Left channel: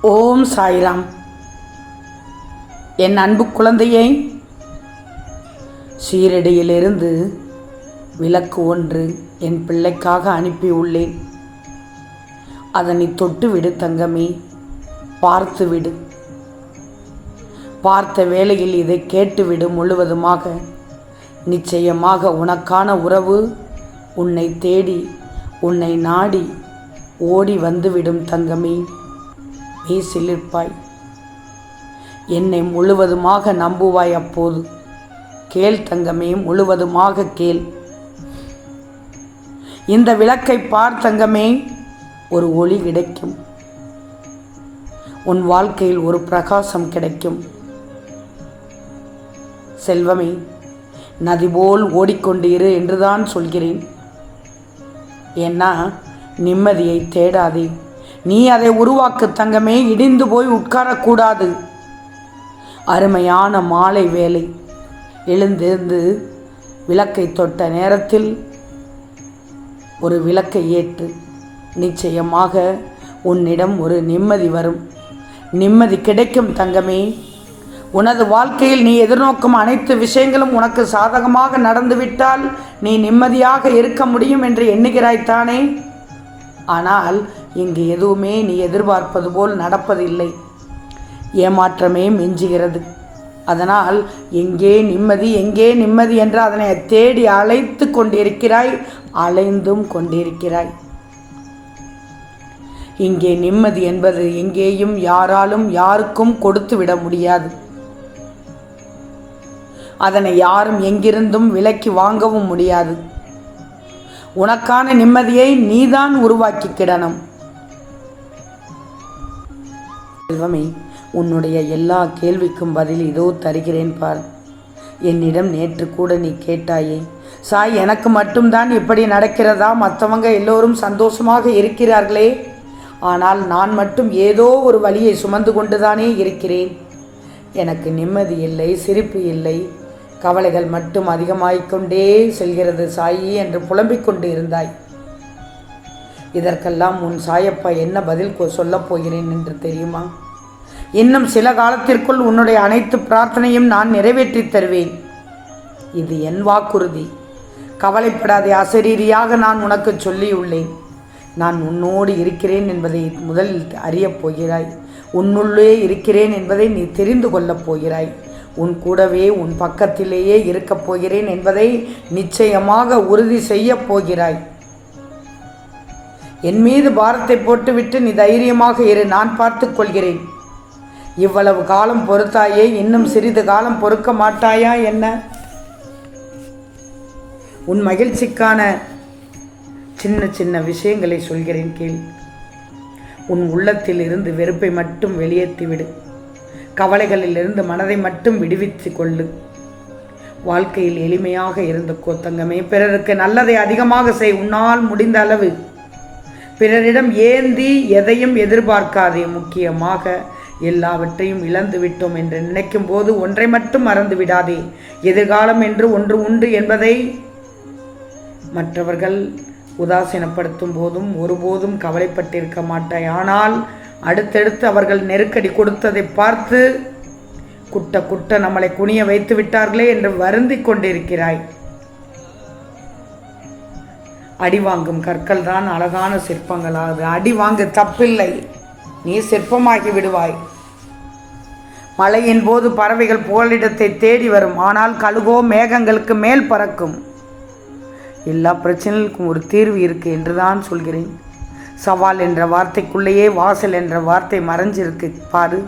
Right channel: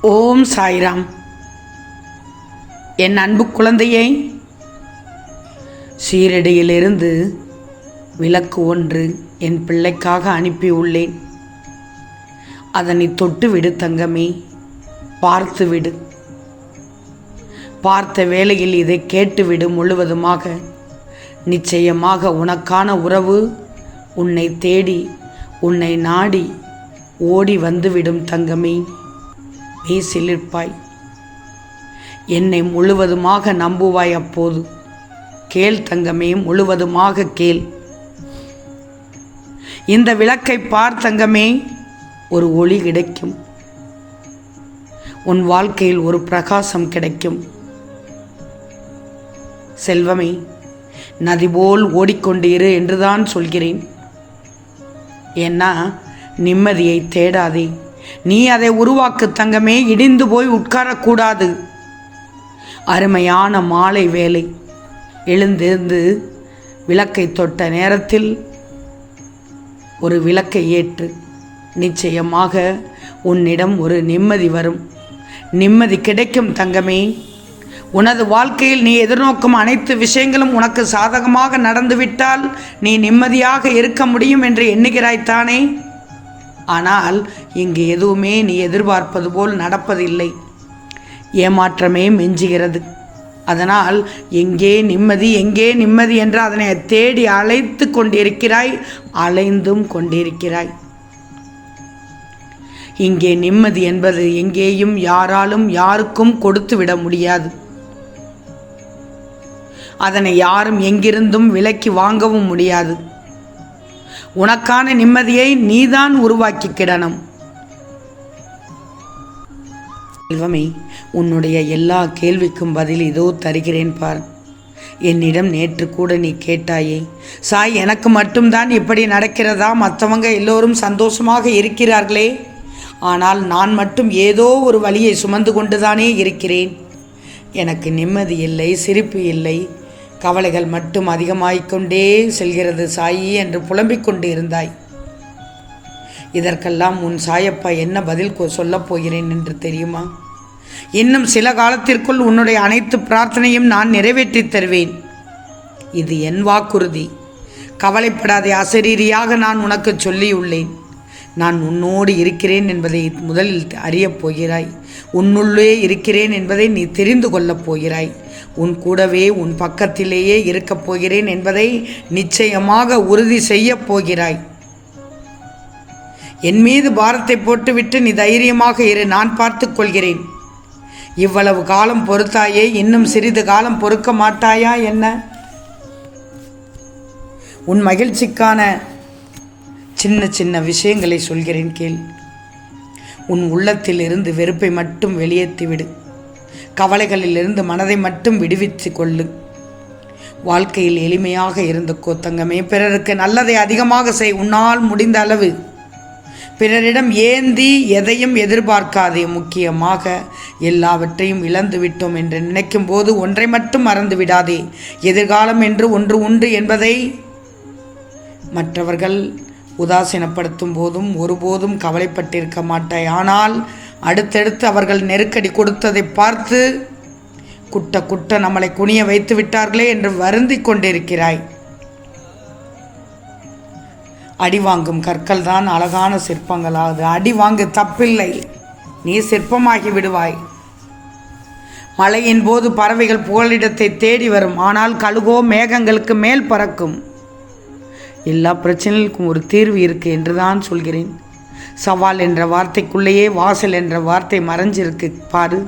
ஓம் சாய்ராம். என் அன்பு குழந்தையை சீரடியிலிருந்து விளக்கு ஒன்று என் பிள்ளைக்காக அனுப்பியுள்ளேன். அதனை தொட்டு விடு தங்கமே பார்த்து விடு பார்த்த வேளையில் இதை கேட்டுவிடு முழுவதுமாக. நிச்சயமாக உனக்கான உறவு உன்னை தேடி உன்னை நாடி ஓடி வந்துவிடும் தங்கமே. நீ சிலிர்ப்பாய் என்னை முழுவதுமாக நம்புவாய் அப்போது. கேள் தங்கமே முழுவதுமாக கேள். இந்த விளக்கை பார் தங்கமே ஒரு ஒளி கிடைக்கும். உன் வாழ்க்கையில் ஒரு பிரகாசம் கிடைக்கும். செல்வமே நதி போல் ஓடிக்கொண்டு இரு என்றுதான் சொல்கிறேன். ஏன்னா நிம்மதியை தேடாதே. நீ அதை உருவாக்கு தங்கமே இடிந்து போய் உட்காரக்கூடாது. அருமையான மாலை வேலை எழுந்திருந்து விளக்கை தொட்ட நேரத்தில் ஒரு விளக்கை ஏற்று நிச்சயமாக உன்னிடம் ஒரு நிம்மதி வரும். நிம்மதி கிடைக்கும் தங்கமே. உனது வாழ்க்கையில் நீ எதிர்நோக்கும் அனைத்து விஷயங்களும் உனக்கு சாதகமாக நடந்துவிட்டால் நீ நிம்மதியாக இருக்க முடியும் என்று எண்ணுகிறாய்த்தானே ஆனால் இங்கு எதுவுமே நீ எதிர்பார்ப்பது போல் நடப்பதில்லை. ஏமாற்றமே மிஞ்சுகிறது. அதனால் எங்கே நிம்மதி எங்கே நிம்மதி என்று அதனை தேடி அழைத்து கொண்டிருக்கிறாய் அலைந்தும் கொண்டிருக்கிறாய். இங்கே நிம்மதி என்பது எங்கேயும் யாராலும் யாருக்கும் கொடுத்து விட முடியாது. அதனை யாரும் எங்கிருந்தும் விலக்கி வாங்கவும் முடியாது. உனக்கான நிம்மதியை நீதான் உருவாக்கிக்கிடணும். செல்வமே உன்னுடைய எல்லா கேள்விக்கும் பதில் இதோ தருகிறேன் பார். என்னிடம் நேற்று கூட நீ கேட்டாயே சாய் எனக்கு மட்டும்தான் இப்படி நடக்கிறதா? மற்றவங்க எல்லோரும் சந்தோஷமாக இருக்கிறார்களே. ஆனால் நான் மட்டும் ஏதோ ஒரு வழியை சுமந்து கொண்டுதானே இருக்கிறேன். எனக்கு நிம்மதி இல்லை சிரிப்பு இல்லை. கவலைகள் மட்டும் அதிகமாகிக்கொண்டே செல்கிறது சாயி என்று புலம்பிக் கொண்டு இருந்தாய். இதற்கெல்லாம் உன் சாயப்பா என்ன பதில் கொ- சொல்லப் போகிறேன் என்று தெரியுமா? இன்னும் சில காலத்திற்குள் உன்னுடைய அனைத்து பிரார்த்தனையும் நான் நிறைவேற்றித் தருவேன். இது என் வாக்குறுதி. கவலைப்படாதே அசரீரியாக நான் உனக்கு சொல்லியுள்ளேன். நான் உன்னோடு இருக்கிறேன் என்பதை முதலில் அறியப் போகிறாய். உன்னுள்ளே இருக்கிறேன் என்பதை நீ தெரிந்து கொள்ளப் போகிறாய். உன் கூடவே உன் பக்கத்திலேயே இருக்கப் போகிறேன் என்பதை நிச்சயமாக உறுதி செய்யப் போகிறாய். என் மீது பாரத்தை போட்டுவிட்டு நீ தைரியமாக இரு நான் பார்த்து கொள்கிறேன். இவ்வளவு காலம் பொறுத்தாயே இன்னும் சிறிது காலம் பொறுக்க மாட்டாயா என்ன? உன் மகிழ்ச்சிக்கான சின்ன சின்ன விஷயங்களை சொல்கிறேன் கேள். உன் உள்ளத்தில் இருந்து வெறுப்பை மட்டும் வெளியேற்றிவிடு கவலைகளிலிருந்து மனதை மட்டும் விடுவித்து கொள்ளு வாழ்க்கையில் எளிமையாக இருந்து கோத்தங்கமே. பிறருக்கு நல்லதை அதிகமாக செய் உன்னால் முடிந்த அளவு. பிறரிடம் ஏந்தி எதையும் எதிர்பார்க்காதே முக்கியமாக எல்லாவற்றையும் இழந்து விட்டோம் என்று நினைக்கும் போது ஒன்றை மட்டும் மறந்து விடாதே. எதிர்காலம் என்று ஒன்று உண்டு என்பதை மற்றவர்கள் உதாசீனப்படுத்தும் போதும் ஒருபோதும் கவலைப்பட்டிருக்க மாட்டாய். ஆனால் அடுத்தடுத்து அவர்கள் நெருக்கடி கொடுத்ததை பார்த்து குட்ட குட்ட நம்மளை குனிய வைத்து விட்டார்களே என்று வருந்திக் கொண்டிருக்கிறாய். அடி வாங்கும் கற்கள் தான் அழகான சிற்பங்களாகுது அடி வாங்கு தப்பில்லை. நீ சிற்பமாகி விடுவாய். மழையின் போது பறவைகள் புகலிடத்தை தேடி வரும். ஆனால் கழுகோ மேகங்களுக்கு மேல் பறக்கும். எல்லா பிரச்சனைகளுக்கும் ஒரு தீர்வு இருக்கு என்று தான் சொல்கிறேன். சவால் என்ற வார்த்தைக்குள்ளேயே வாசல் என்ற வார்த்தை மறைஞ்சிருக்கு பாரு.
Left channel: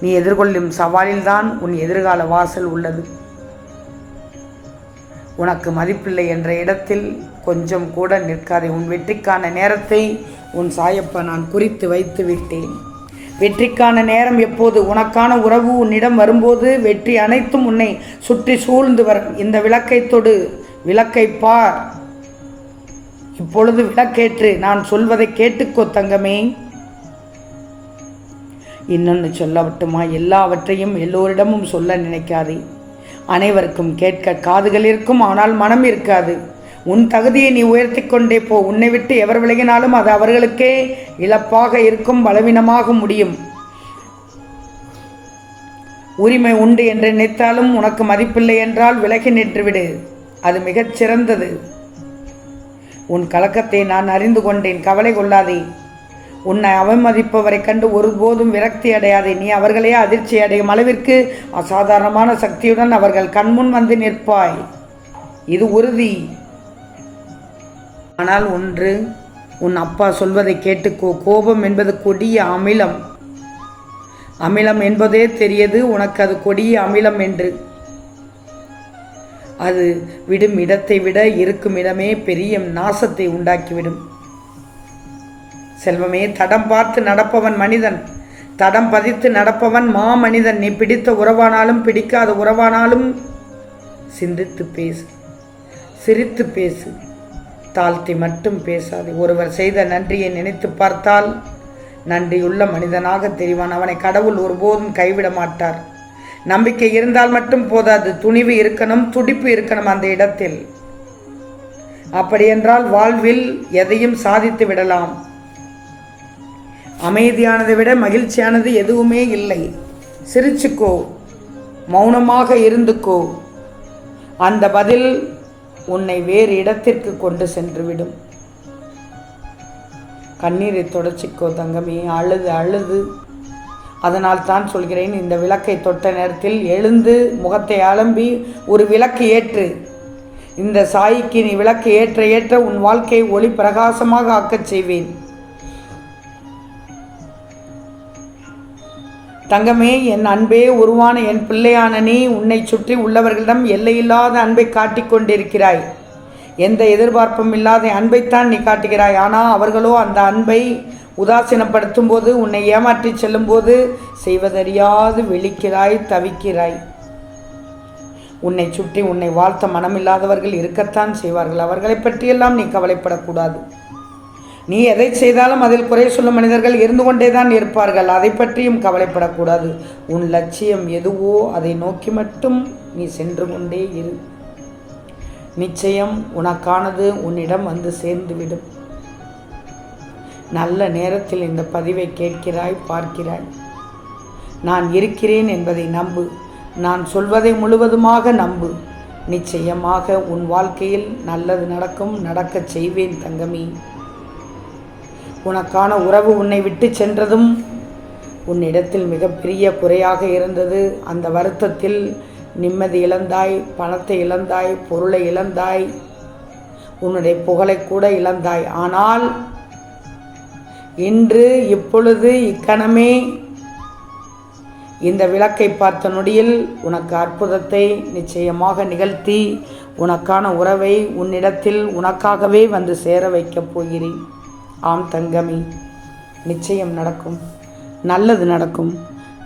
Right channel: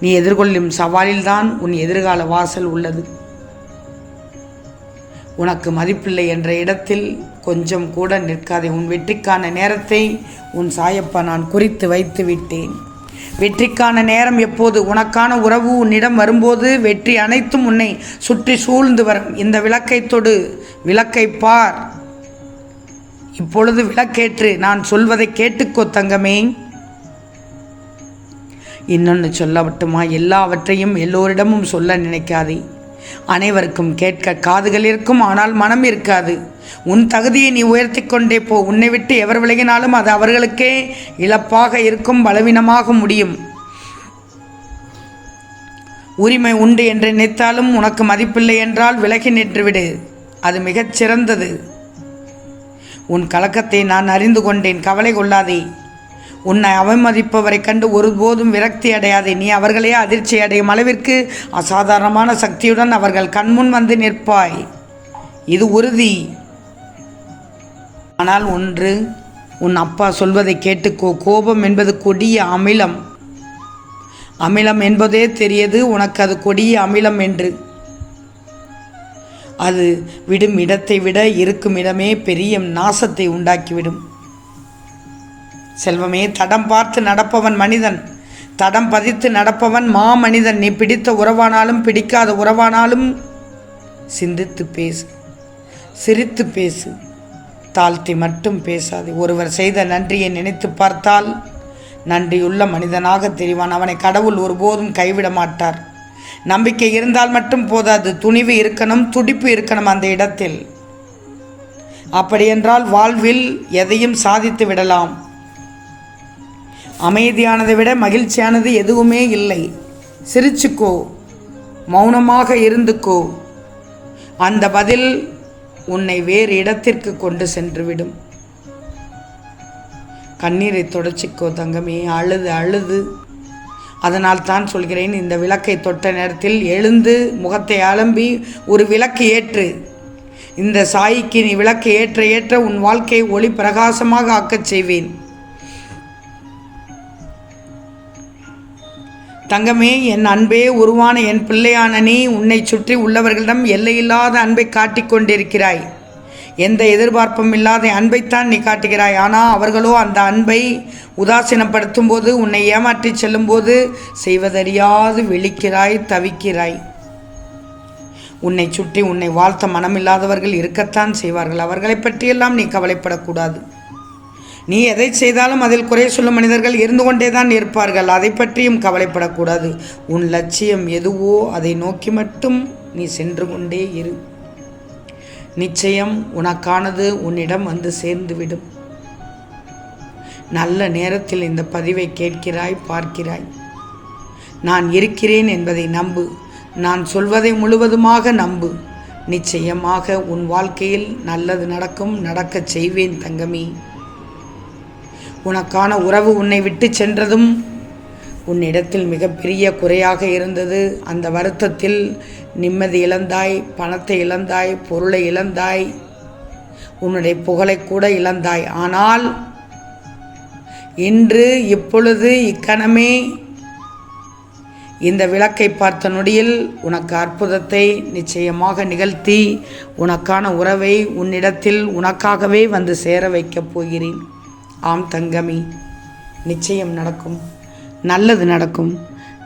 நீ எதிர்கொள்ளும் சவாலில்தான் உன் எதிர்கால வாசல் உள்ளது. உனக்கு மதிப்பில்லை என்ற இடத்தில் கொஞ்சம் கூட நிற்காதே. உன் வெற்றிக்கான நேரத்தை உன் சாயப்பா நான் குறித்து வைத்து விட்டேன். வெற்றிக்கான நேரம் எப்போது? உனக்கான உறவு உன்னிடம் வரும்போது வெற்றி அனைத்தும் உன்னை சுற்றி சூழ்ந்து வரும். இந்த விளக்கை தொடு. விளக்கை பார். இப்பொழுது விளக்கேற்று நான் சொல்வதை கேட்டுக்கோ தங்கமே. இன்னொன்று சொல்லவட்டுமா எல்லாவற்றையும் எல்லோரிடமும் சொல்ல நினைக்காதே. அனைவருக்கும் கேட்க காதுகள் இருக்கும் ஆனால் மனம் இருக்காது. உன் தகுதியை நீ உயர்த்தி கொண்டே போ. உன்னை விட்டு எவர் விலகினாலும் அது அவர்களுக்கே இழப்பாக இருக்கும் பலவீனமாக முடியும். உரிமை உண்டு என்று நினைத்தாலும் உனக்கு மதிப்பில்லை என்றால் விலகி நின்றுவிடு அது மிகச் சிறந்தது. உன் கலக்கத்தை நான் அறிந்து கொண்டேன். கவலை கொள்ளாதே. உன்னை அவமதிப்பவரை கண்டு ஒருபோதும் விரக்தி அடையாதே. நீ அவர்களே அதிர்ச்சி அடையும் அளவிற்கு அசாதாரணமான சக்தியுடன் அவர்கள் கண்முன் வந்து நிற்பாய். இது உறுதி. ஆனால் ஒன்று உன் அப்பா சொல்வதை கேட்டுக்கோ. கோபம் என்பது கொடிய அமிலம். அமிலம் என்பதே தெரியது. உனக்கு அது கொடிய அமிலம் என்று. அது விடும் இடத்தை விட இருக்கும் இடமே பெரிய நாசத்தை உண்டாக்கிவிடும். செல்வமே தடம் பார்த்து நடப்பவன் மனிதன். தடம் பதித்து நடப்பவன் மா மனிதன் நீ பிடித்த உறவானாலும் பிடிக்காத உறவானாலும் சிந்தித்து பேசு. சிரித்து பேசு. தாழ்த்தி மட்டும் பேசாது. ஒருவர் செய்த நன்றியை நினைத்து பார்த்தால் நன்றியுள்ள மனிதனாக தெரிவான். அவனை கடவுள் ஒருபோதும் கைவிட மாட்டார். நம்பிக்கை இருந்தால் மட்டும் போதாது துணிவு இருக்கணும் துடிப்பு இருக்கணும் அந்த இடத்தில். அப்படியென்றால் வாழ்வில் எதையும் சாதித்து விடலாம். அமைதியானதை விட மகிழ்ச்சியானது எதுவுமே இல்லை. சிரிச்சுக்கோ மௌனமாக இருந்துக்கோ. அந்த பதில் உன்னை வேறு இடத்திற்கு கொண்டு சென்றுவிடும். கண்ணீரை தொடச்சிக்கோ தங்கமே அழுது அழுது. அதனால் தான் சொல்கிறேன் இந்த விளக்கை தொட்ட நேரத்தில் எழுந்து முகத்தை அலம்பி ஒரு விளக்கு ஏற்று. இந்த சாய்க்கு நீ விளக்கு ஏற்ற ஏற்ற உன் வாழ்க்கையை ஒளி பிரகாசமாக ஆக்கச் செய்வேன். தங்கமே என் அன்பே உருவான என் பிள்ளையான நீ உன்னை சுற்றி உள்ளவர்களிடம் எல்லையில்லாத அன்பை காட்டிக் கொண்டிருக்கிறாய். எந்த எதிர்பார்ப்பும் இல்லாத அன்பைத்தான் நீ காட்டுகிறாய். ஆனால் அவர்களோ அந்த அன்பை உதாசீனப்படுத்தும் போது உன்னை ஏமாற்றி செல்லும்போது செய்வதறியாது விழிக்கிறாய் தவிக்கிறாய். உன்னை சுற்றி உன்னை வாழ்த்த மனமில்லாதவர்கள் இருக்கத்தான் செய்வார்கள். அவர்களை பற்றியெல்லாம் நீ கவலைப்படக்கூடாது. நீ எதை செய்தாலும் அதில் குறை சொல்லும் மனிதர்கள் இருந்து கொண்டே தான் இருப்பார்கள். அதை பற்றியும் கவலைப்படக்கூடாது. உன் லட்சியம் எதுவோ அதை நோக்கி மட்டும் நீ சென்று கொண்டே இரு. நிச்சயம் உனக்கானது உன்னிடம் வந்து சேர்ந்துவிடும். நல்ல நேரத்தில் இந்த பதிவை கேட்கிறாய் பார்க்கிறாய். நான் இருக்கிறேன் என்பதை நம்பு. நான் சொல்வதை முழுவதுமாக நம்பு. நிச்சயமாக உன் வாழ்க்கையில் நல்லது நடக்கும் நடக்கச் செய்வேன் தங்கமி. உனக்கான உறவு உன்னை விட்டு சென்றதும் உன்னிடத்தில் மிகப்பெரிய குறையாக இருந்தது. அந்த வருத்தத்தில் நிம்மதி இழந்தாய் பணத்தை இழந்தாய் பொருளை இழந்தாய் உன்னுடைய புகழை கூட இழந்தாய். ஆனால் இன்று இப்பொழுது இக்கணமே இந்த விளக்கை பார்த்த நொடியில் உனக்கு அற்புதத்தை நிச்சயமாக நிகழ்த்தி உனக்கான உறவை உன்னிடத்தில் உனக்காகவே வந்து சேர வைக்கப் போகிறேன். ஆம் தங்கமி நிச்சயம் நடக்கும். நல்லது நடக்கும்.